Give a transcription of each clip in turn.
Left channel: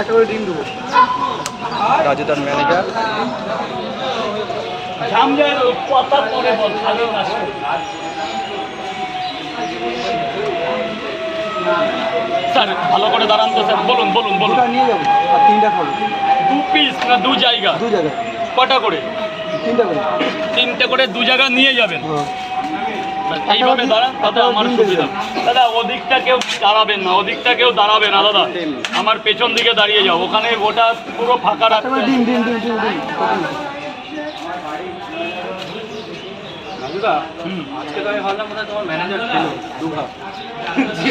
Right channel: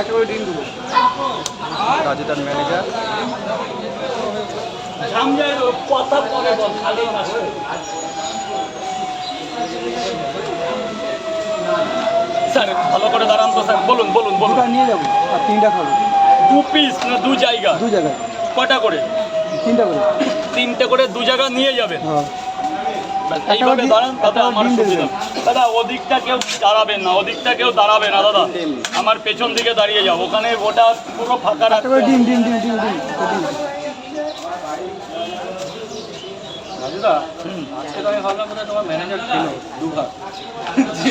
একটা করে ডিম দেবো। রাজুদার ম্যানেজার। স্যার ভালো করে দাঁড়ান তো স্যার, বলুন বলুন বলুন। দুটা নিয়ে যাবো আর তিনটা খাবো। 2 পিস না 2 জায়গা? 2 জায়গায়। কটা করে? 3টা করে। 3টে করে 2 জায়গা নিয়ে যাবেন। হ্যাঁ। এইভাবে দাঁড়ান তাতে আমার সুবিধা। দাদা ওদিকটা কেউ দাঁড়াবেন না, ওদিকটা কেউ দাঁড়াবে না দাদা, আমার পেছন দিকে দাঁড়িয়ে যাও, ওখানে ওটা পুরো ফাঁকা রাখতে হবে। ডিম ডিম ডিম ডিম ডিম। রাজুদা, আজকে তো আমি ভাবলাম বোধহয় তোমার ম্যানেজার ছিল দুবার।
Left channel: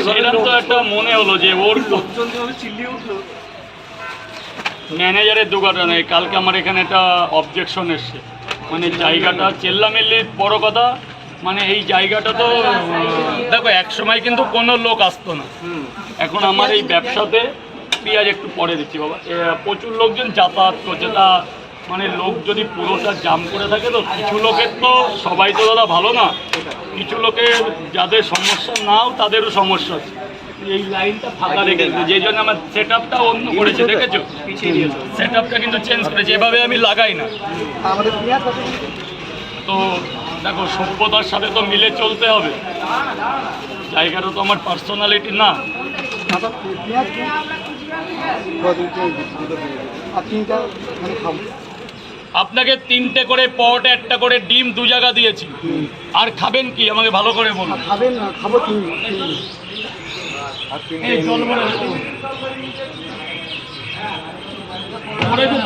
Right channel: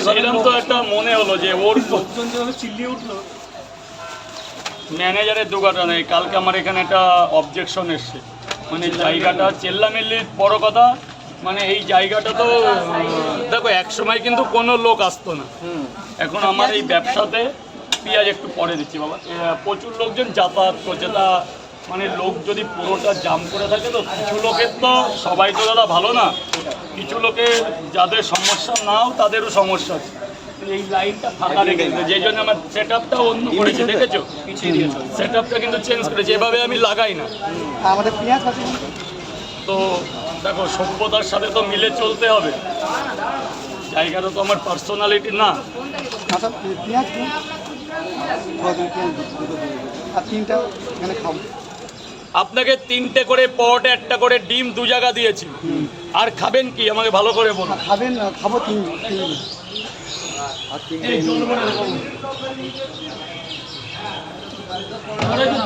সেরকম তো একটা মনে হলো যে ওর চিল্লিয়ে উঠলো। ম্যানেজারের দুগাটা নেই। কালকে আমার এখানে একটা অবজেকশন এসছে, মানে জায়গাটা চেল্লামিল্লির বড় কথা, মানে এই জায়গাটা তো দেখো এক সময় কিন্তু কোনো লোক আসতো না, এখন আমার এই ব্যবসাতে পেঁয়াজ একটু পরে দিচ্ছি বাবা, প্রচুর লোকজন যাতায়াত করছে, তা মানে লোক যদি পুরোটা জাম করে থাকে তো কিছু লোকের তো, সবাই তো দাদা ভালো না, কিছু লোকের যাদের সমস্যা নাও তাদেরও সমস্যা আছে। এই লাইনটা ফাঁকা রেখেছে, যেই জন্য আমার সেট আপটা অন্য করেছে, দেখেছো পিছিয়ে দিয়েছো, সেট আপটা কিন্তু চেঞ্জ করেছে, এভাবে আমি লাগাই না। আমাদের পেঁয়াজ আছে তো দেখো সভ্যতার সাথে তো মিলে চলতে হবে, জায়গাটা তো আমার পার্সোনালিটি না। আচ্ছা পেঁয়াজ আর 3টা মানে খাবো। আপনাকে 3টে করে পট, একটা করে ডিম 2 জায়গা দিয়েছি, আর খাবেন কি আমাকে ভালো করে বলুন। খাবেন না? খাবো 3।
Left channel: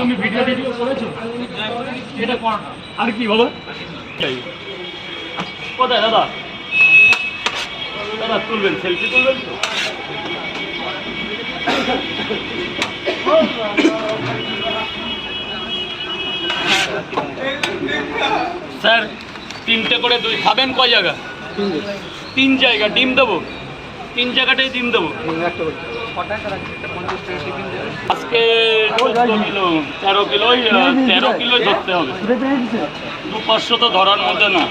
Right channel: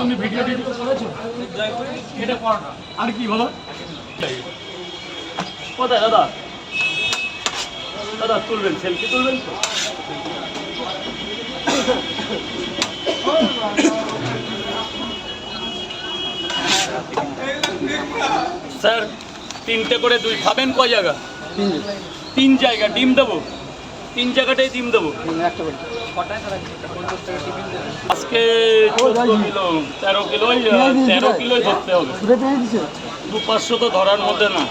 তুমি ভিডিও টিডিও করেছো? এটা কর না। আর কি বাবা? কোথায় দাদা? দাদা তুলবেন, সেলফি তুলবেন তো? স্যার 3টে করে 2 খাবেন কয় জায়গা? 3 জায়গা ডিম দেবো, 3 জায়গাটাই ডিম দেবো। একটা করে। আজকে 13 কিলো 13 কিলোই ধরতে হবে। 200-500 তো ধরার মধ্যে না।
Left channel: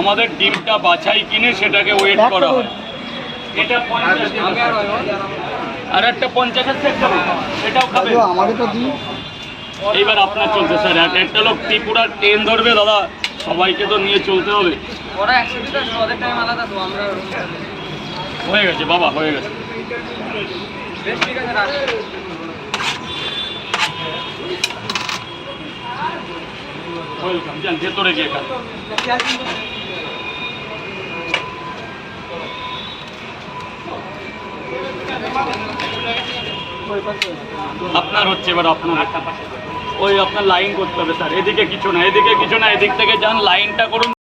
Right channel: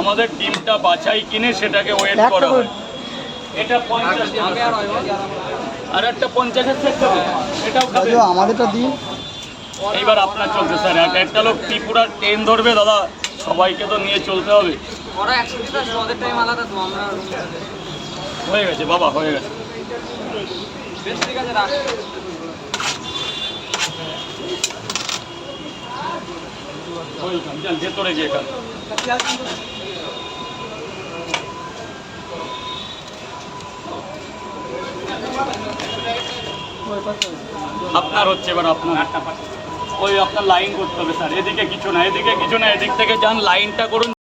আমাদের ডিমটা বাছাই কিনে সেটাকে ওয়েট করা হয়। এটা 50, আর একটা 50-এর সেট দেবো, সেটাও খাবে। আমারও তো দিন। এইবার আপনার চলছে স্যার, একটা লোক ত্রিপুরার ট্রেন ধরবে দাদা, সবাইকে তো নিয়ে চলতে হবে। ওরা একসাথে আসলে ওদের টাইম আলাদা, তো আমরা হয়ে গেছে বাবা, হয়ে গেছে। বেশ ঠিক আছে, রাখ। ওয়েলকাম, যান ভেতরে গিয়ে খান। আপনার হচ্ছে এবার আপনার ওই আপনার লাইন করতে হবে স্যার, এদিকে কিছু না, এদিকে কিছু না, এদিক থেকে যান লাইনটা করুন।